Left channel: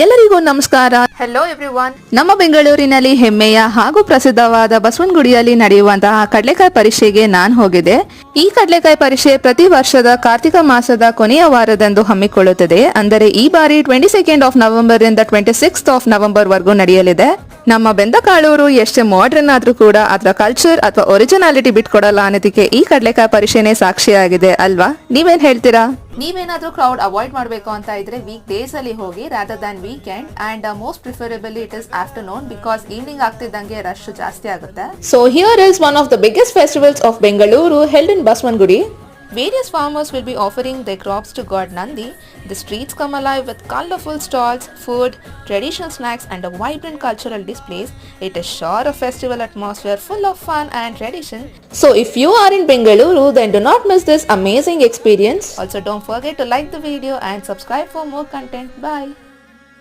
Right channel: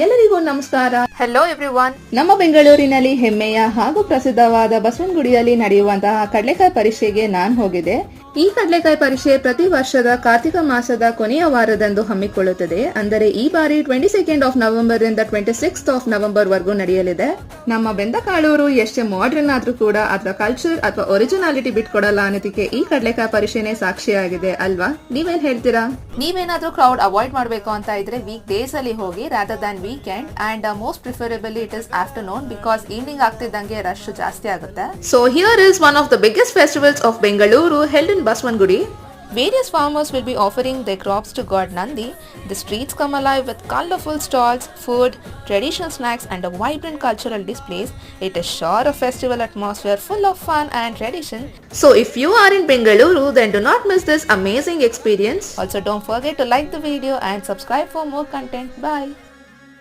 ಎಲ್ಲರಿಗೂ ನಮಸ್ಕಾರ. Hello everyone. ನಮ್ಮ ಬೆಂಗಳೂರಿನಲ್ಲಿ ಹೆಮ್ಮೆಯ ಹಾಗೂ ಪ್ರಸಿದ್ಧವಾದ ಬಸವನಗುಡಿಯಲ್ಲಿ ನಡೆಯುವಂತಹ ಕಡಲೆಕಾಯಿ ಪರೀಕ್ಷೆಗೆ ನಾನು ಹೋಗಿದ್ದೆ. ಈ ಕಡಲೆಕಾಯಿ ಪರೀಕ್ಷೆ ಪ್ರತಿ ವರ್ಷದ ಕಾರ್ತಿಕ ಮಾಸದ ಕೊನೆಯ ವಾರದಂದು ಹಮ್ಮಿಕೊಳ್ಳುತ್ತದೆ. ಅಂದರೆ ಈ ಬಾರಿ 22 ನವೆಂಬರ್ ಇಂದ 26 ನವೆಂಬರ್ ವರೆಗೂ ನಡೆಯಲಿದೆ. ನಮ್ಮ ಬೆಂದಕಾಳೂರು ಎಷ್ಟೇ ಮಾಡರ್ನ್ ಆದ್ರೂ ಕೂಡ ಅದರ ಕಲ್ಚರ್ ಅಥವಾ ಒರಿಜಿನಾಲಿಟಿ ಬಿಟ್ಕೊಡಲ್ಲ ಅನ್ನೋದಕ್ಕೆ ಈ ಕಡಲೆಕಾಯಿ ಪರೀಕ್ಷೆನೇ ಸಾಕ್ಷಿಯಾಗಿದೆ ಅಲ್ವಾ? ನೀವೇನ್ ಹೇಳ್ತೀರಾ? ನೀವೇನಾದ್ರೂ ಕ್ರೌಡ್ ಅವಾಯ್ಡ್ ಮಾಡಬೇಕು ಅಂತ ಇದ್ರೆ ವೀಕ್ ಡೇಸ್ ಅಲ್ಲಿ ಹೋಗಿ rather than weekend and most preferably it is afternoon because evening ಆಗ್ತಿದ್ದಂಗೆ ರಶ್ ಜಾಸ್ತಿ ಆಗುತ್ತೆ. So here is one of the biggest festivals of Bengaluru held in Baswangudi. Various farmers will be offering their crops to God Nandi. The streets come alive with colorful stalls, food, traditional snacks and a vibrant cultural displays. It is sure a festival atmosphere full of fun and tradition. So if you are in Bengaluru, then do not miss this amazing experience. Also don't forget to like the video and subscribe for more content. Bye.